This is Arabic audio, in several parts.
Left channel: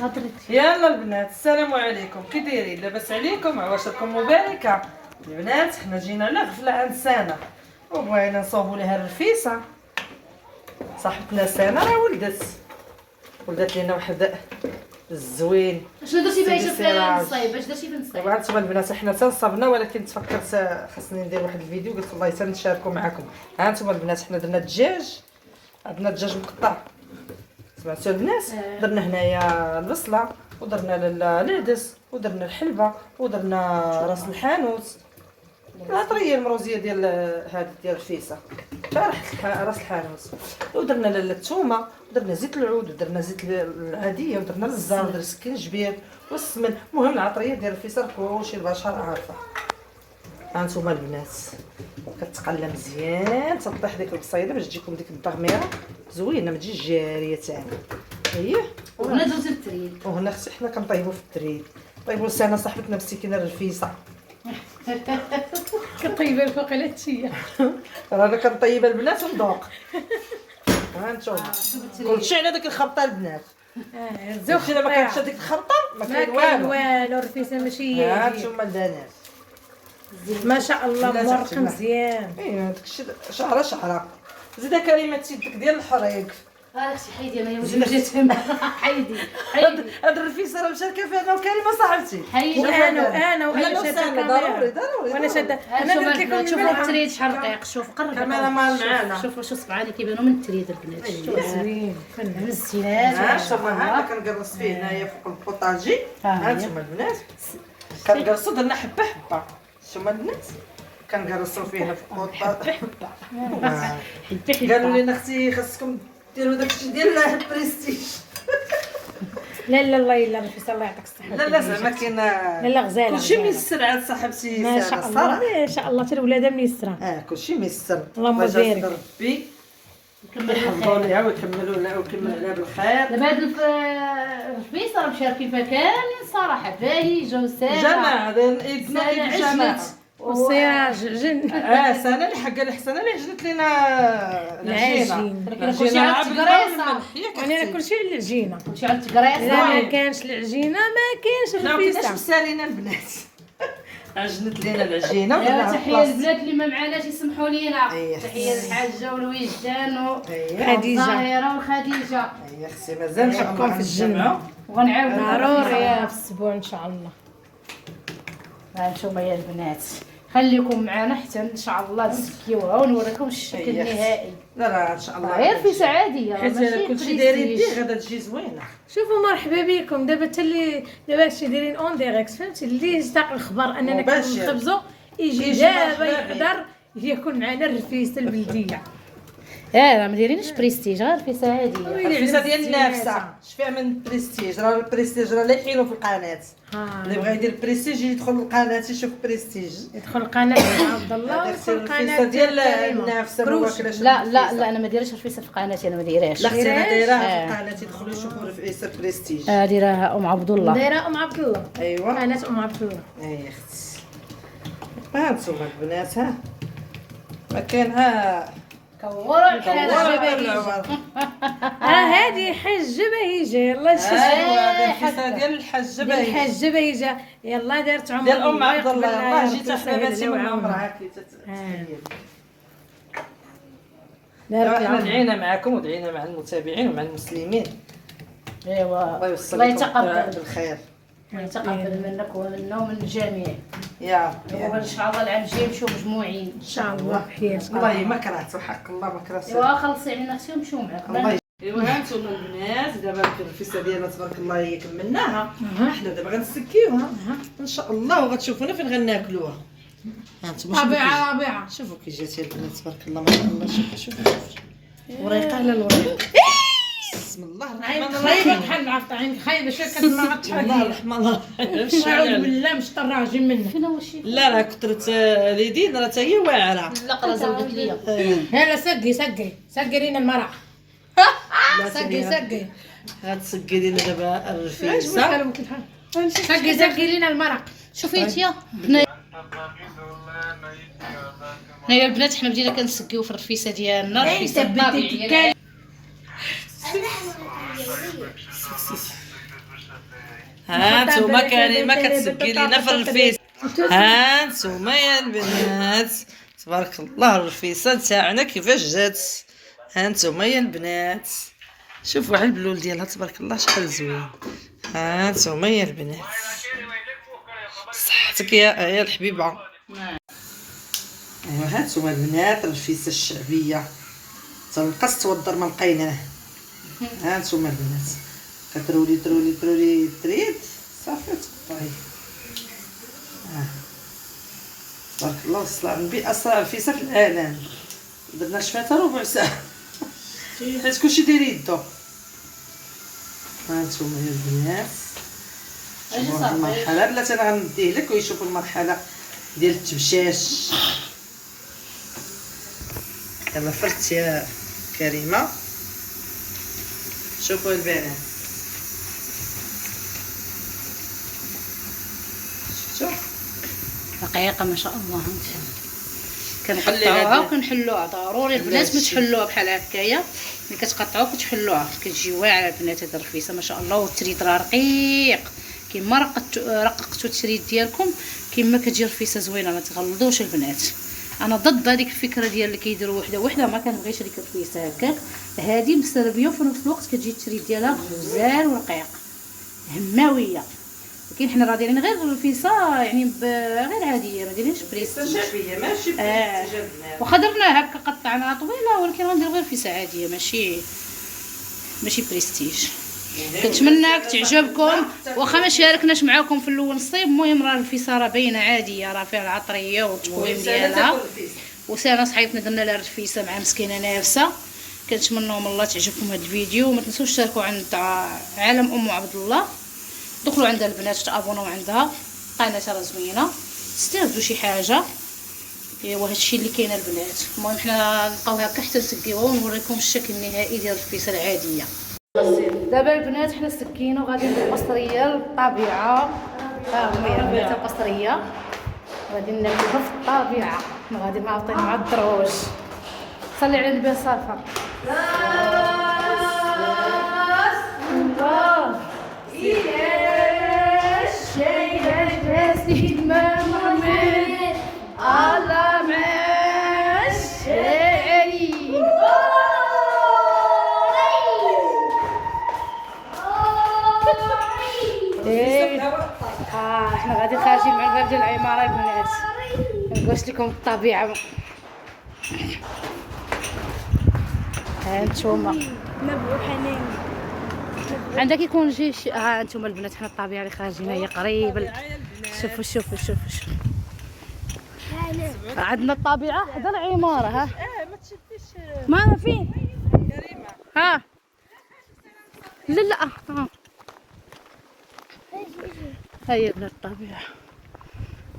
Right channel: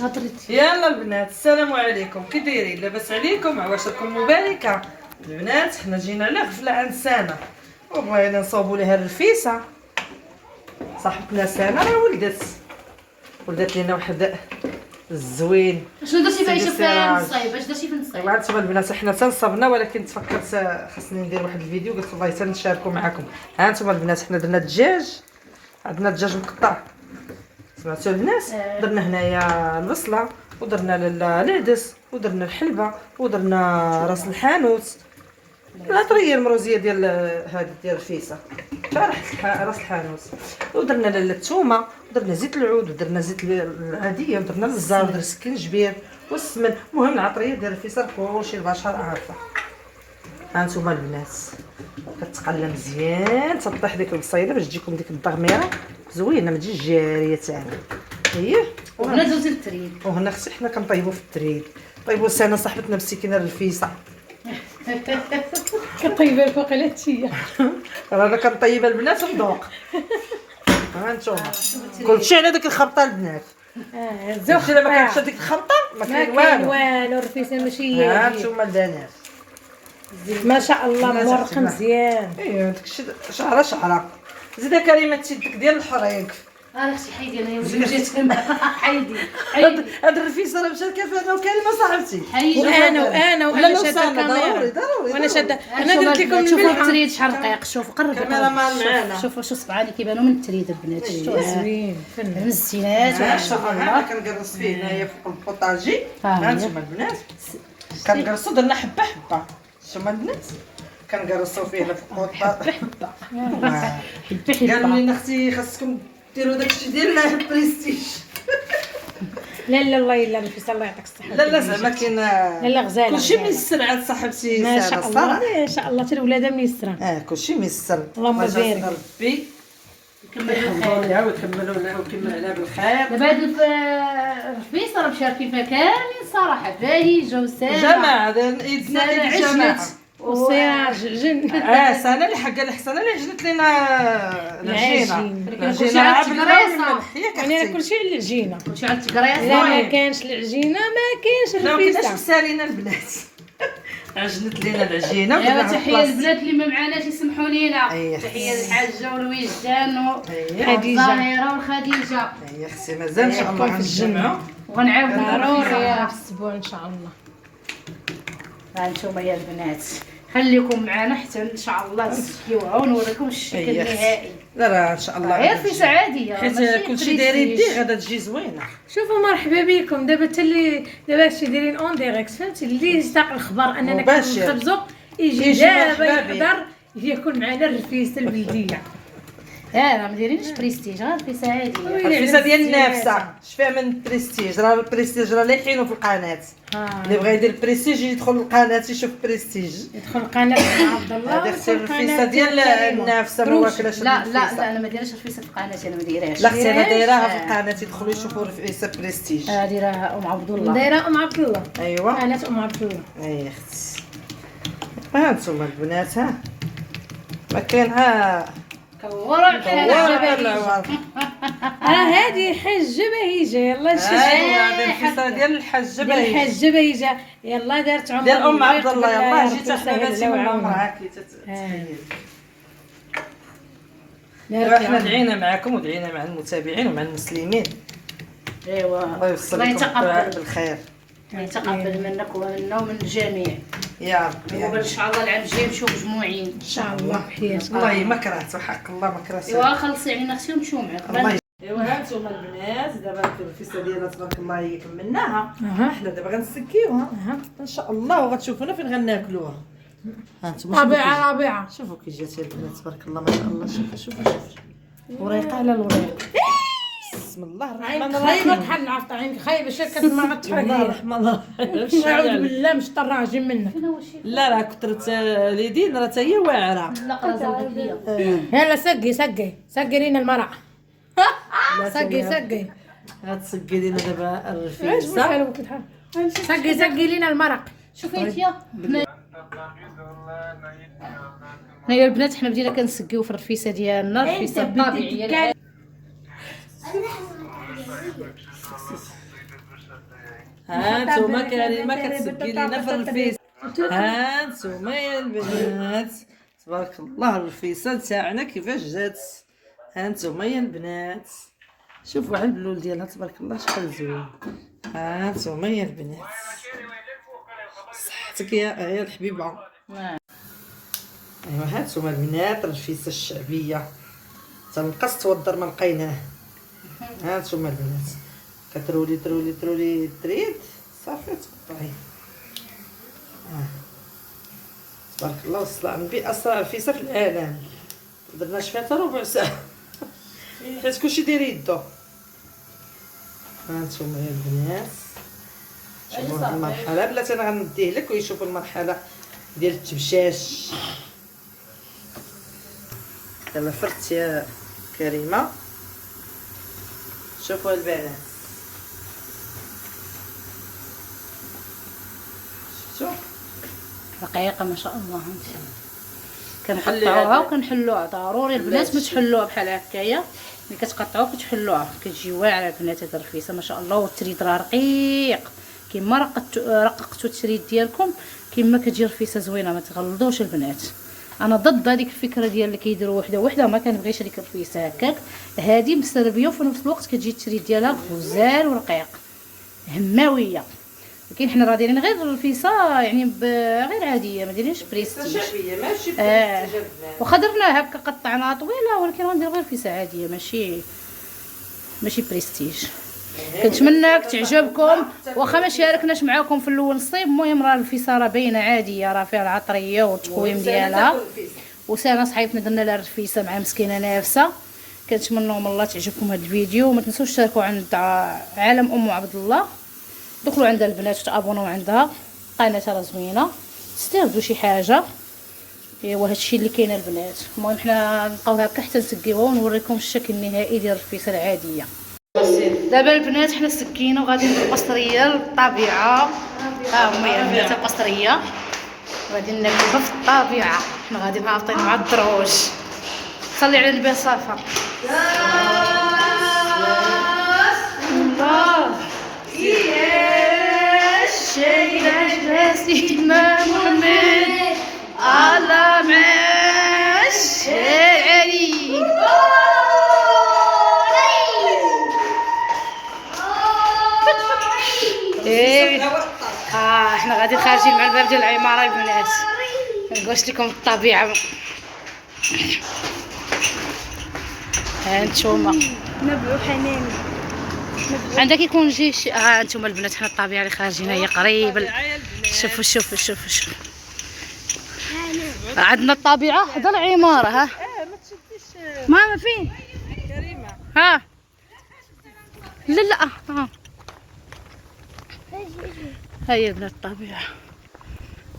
هضرتي. يلا البنات السلام عليكم، كي دايرين؟ لاباس عليكم؟ عواشركم مباركه. البنات حنا جينا على غفله عند سنه وبغينا نصوبوا لها الرفيسه. صاحبتنا سنه راه ولدت لنا واحد الزوين. شنو درتي بايشه في السراج. الصيب؟ اش درتي في الصيب؟ طبعا انتم البنات حنا تنصبنا، ولكن تفكرت خاصني ندير واحد الفيديو، قلت والله تنشاركوا معكم. ها انتم البنات حنا درنا الدجاج، عندنا الدجاج مقطع، سمعتوا البنات؟ درنا هنايا البصله ودرنا العدس ودرنا الحلبه ودرنا راس الحانوت، العطريه المروزيه ديال هذه ديال الرفيسه، راس الحانوت، ودرنا الثومه ودرنا زيت العود ودرنا زيت العاديه ودرنا الزار ودرنا السكنجبير والسمن. المهم العطريه ديال الرفيسه كلشي البشر عارفه. ها انتم البنات كتقلى مزيان تطيح ديك البصيله باش تجيكم ديك الضغميره زوينه، ما تجيش جاريه تاعنا. اييه وهنا درتي التريد، وهنا خصي حنا كنطيبوا في التريد. طيبوا سنه صاحبتنا مسكينه الرفيسه كطيبه الفوق على التيه. رانا كنطيب البنات وندوق. ها انتم كلشي على ديك الخرطه البنات. الزوخ الا ما كانتش هذيك الخرطه ما ما كاين كاين والو. والو، الرفيسه ماشي هي ها هذه. انتم البنات ما شاء الله لا مورق تحتمل. مزيان. ايوا داكشي شعره زيده كريمه تيدك ديال الحريق. اختي حيدي انا يوم جيت حيدي هاد الرفيسه راه مشاركه فيها انا وكريمه صاحبتي. حيدي. وانا شاده ضروري الكاميرا وانا شاده. انا شوفوا درت لكم شوفوا من التريد شحال رقيق. شوفوا قرب كاميرا مان معانا. شوفوا شو صبعاني كيبانوا من التريد البنات. زوين فن. مزينات شوفوا هذا كنقرص فيه هنايا فوق البوطاجي. ها ها هي. انتم البنات كنقرصوا درنا حبه حبه. شوفوا البنات كنقرصوا فيه هنا فوق البوطاجي. قالوا لنا اختي خاصكم ديروا داكشي ديال البريستيج. لا لا الله الا الرفيسه الله يعطيك الصحه. لا زعما كاين لا لا غزاله كلشي غزالة. ميسر عند صاحبتي ما سارة شاء الله الصراحة. ما شاء الله حتى الولاده ميسره. كلشي ميسر. اللهم الله يجازي بارك. ربي نكمل يحفظوا الخير. ليها ويكمل عليها بالخير. دابا هاد الرفيسه راه مشاركين فيها كاملين صراحه، باهيه وسامه جماعة ايدنا سنة ايد الجماعة. عجنت والسراج جن. سنة اللي حقا الحسنة اللي عجنت لنا العجين. كلشي على التقريصه، وانا كلشي على العجينه. كلشي على التقريصه. اذا ما كانش العجينه ما كاينش ما كناش الرفيسه. مسالينا البنات. عجنت لنا العجينة ايوا ودرنا تحيه للبنات اللي ما معاناش يسمحوا لينا. أيه. تحيه للحاجه والوجدان خديجة. والظاهره والخديجه. هي خصي مازال ان شاء الله نحطهم في الجنة. وغنعاودوا ضروري في الاسبوع ان شاء الله. ها انتم يا البنات خليكم معنا حتى ان شاء الله نسكيوها ونوريكم الشكل أيه. النهائي. لا ان شاء الله غير في عاديه حيت كلشي داير يديه غادا تجي زوينه. شوفوا مرحبا بكم. دابا حتى اللي دابا هادشي دايرين اون ديريكت، فهمتي؟ اللي يستاق الخبر اننا مباشر. كنخبزوا يجي يجي دابا مرحبا بك. يقدر ياكل معنا الرفيسه البلديه. راه ما دايرينش بريستيج، غير في عاديه. الرفيسه ديال النافسه شفيها من البريستيج، راه البريستيج راه لايحينو في القناه. اللي بغى يدير البريستيج يدخل القناه يشوف بريستيج. يدخل قناه عبد الله هذه ويدخل الرفيسه قناه ديال كريمة. النافسه ما واكلاش. لا انا ما دايرش الرفيسه في قناتي، انا ما دايرهاش. لا اختي انا دايرهاش. دايراها في القناه يدخلوا يشوفوا الرفيسه بريستيج. دايرها ام عبد الله. دايره ام عبد الله. ايوا قناه ام عبد الله. اي اختي ها انتم البنات ها ما كاين ها كورا بحال والله. هذه حجه بهيجه. يلا شوفي ايوا هذه الرفيسه ديال الحجه ديال باهي الحجه بهيجه. يلا دارت عمر ديال ام عبد الله. يقبل يلاه يا جيت ربي حنا يسهل باتي لها من ويعاونها. عمرها كي تتخيل. دارت احنا العمر. دعينا معكم ودعينا مع المتابعين ومع المسلمين. الله ايوا يوصل الله لكم يتقبل. بالخير يتقبل منك ومنا ومن الجميع. يا ربي. وان شاء الله العام الجاي نمشيو مجموعين ان شاء الله بخير. والله ما كرهت وحق الله ما كرهت. ايوا خلصي علينا اختي ونمشيو معاك. الله ايوا ها انتم البنات دابا الرفيسه ديالنا تبارك الله هي كملناها. حنا دابا غنسكيوها ان شاء الله وغتشوفونا فين غناكلوها. ها انتم رابعه شوفوا كي جات يا البنات تبارك الله ما شاء الله. شوفوا وريقه على الوريق. بسم الله الرحمن خايبه الرحيم. بحال عرفت عينك خايبه شكل ما بسم الله غتحل. الرحمن الرحيم. اعوذ بالله مش طراجي منك. فين هو الشيء؟ لا راه كثرت اليدين راه حتى هي واعره. لا قرا زودت ليا. يلا سقي لينا المرأة. لا سقي غتسقي لينا دابا علاش الرفيسه. بحال سقي لينا المرأة. شوفي انت هنايا البنات حنا بدينا كنسقيو في الرفيسه ديالنا. الرفيسه الطبيعيه. ها نتوما كريمه كتسقي لينا في الرفيس. ها نتوما يا البنات تبارك الله الرفيسه تاعنا كيفاش جات. ها نتوما يا البنات شوفوا على البلول ديالها تبارك الله شحال زوين. ها نتوما يا البنات صحتك يا الحبيبه. ها نتوما البنات الرفيسه الشعبيه تنقص توضر ما لقيناه. ها نتوما البنات كترولي ترولي ترولي تريد صافي تقطعي. تبارك الله وصل النبي اسرع رفيسه في العالم. درنا فيها حتى ربع ساعه حيت كلشي داير يدو. ها نتوما يا البنات شوفوا هاد المرحله بلاتي انا غنديه لك ويشوفوا المرحله ديال التبشاش. دابا فرت يا كريمه شوفوا البنات شفتوا رقيقه ما شاء الله. كنقطعوها وكنحلوها ضروري البنات ما تحلوها بحال هكايا. ملي كتقطعوها كتحلوها كتجي واعره البنات. هاد الرفيسه ما شاء الله والتريد راه رقيق كيما رققتوا التريد ديالكم كيما كتجي رفيسه زوينه. ما تغلظوش البنات. انا ضد هذيك الفكره ديال اللي كيديروا وحده وحده ما كنبغيش هذيك الرفيسه هكاك. هذه مستربيه وفي نفس الوقت كتجي التريد ديالها غزال ورقيق هماويه. ولكن حنا راه دايرين غير الرفيسه يعني غير عاديه ما دايرينش بريستيج. ماشي واخا درناها هكا قطعناها طويله ولكن غندير غير رفيسه عاديه ماشي بريستيج. كنتمنى تعجبكم واخا ما شاركناش معاكم في الاول الصيب. المهم راه الرفيسه راه باينه عاديه راه فيها العطريه والتقويم ديالها. وسانا صحيتنا درنا لها الرفيسه مع مسكينه نافسه. كنتمنى من الله تعجبكم هذا الفيديو. وما تنسوش تشاركوا عند عالم ام عبد الله. دخلوا عندها البنات وتابوناو عندها قناه راه زوينه تستافدوا شي حاجه. ايوا هادشي اللي كاين البنات. المهم حنا نبقاو هكا حتى نسقيوها ونوريكم الشكل النهائي ديال الرفيسه العاديه. دابا البنات حنا سكينا وغادي بالقصريه للطبيعه. ها هما يا البنات القصريه غادي ناكلوها في الطبيعه. حنا غادي هابطين مع الدروج. صلي على النبي صافا. الله سيدنا محمد الله مع الشاعري. احنا غادي خارجين مع الباب ديال العماره البنات. نقولش لكم الطبيعه. ها نتوما نبعو حنان عندك يكون جيش. ها انتم البنات حنا الطبيعه اللي خارجين هي قريبه. شوفوا عندنا الطبيعه حدا العماره. ها ما تشديش ما فين كريمه. ها لا ها هاي البنات الطبيعه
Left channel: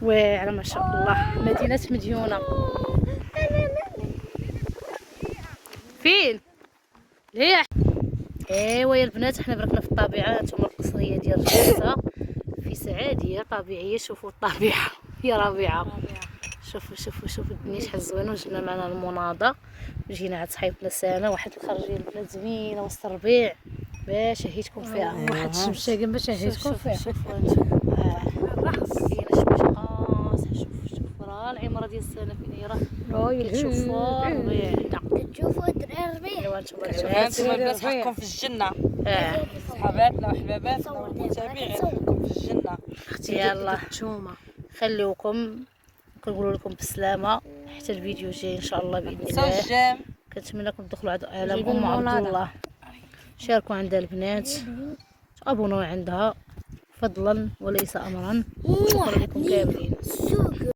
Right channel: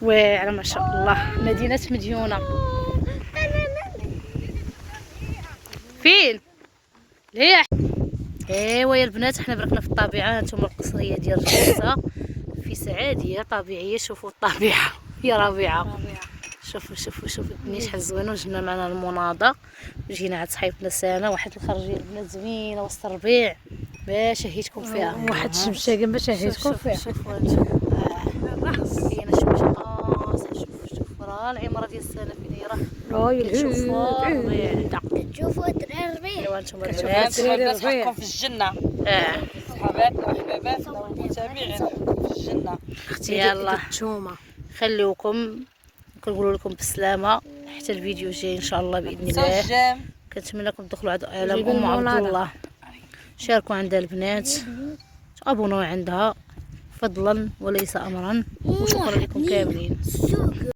واعره ما شاء الله. مدينه مديونه. فين هي؟ ايوا يا البنات حنا بركنا في الطبيعه. هانتوما القصريه ديال الرفيسه رفيسه عاديه طبيعيه. شوفوا الطبيعه يا ربيعه. شوفوا الدنيا شحال زوينه. وجبنا معنا المناضه وجينا عند صحيبتنا سانا. واحد الخرجيه البنات زوينه وسط الربيع باش نهيتكم فيها. واحد الشمساقه باش نهيتكم فيها. شوفوا كاينه شمشه قاصحه. شوفوا راه العماره ديال سانا فين دايره. شوفوا الربيع. تشوفوا الدراري الربيع. ايوا نتوما البنات نحكم في الجنه. صحاباتنا وحباباتنا والمتابعين في الجنه. اختي يلاه نتوما خليوكم كنقول لكم بالسلامه حتى الفيديو الجاي ان شاء الله باذن الله. كنتمنىكم تدخلوا على ام عبد الله. شاركوا عندها البنات تابونوا عندها فضلا وليس امرا. وشكرا لكم كاملين.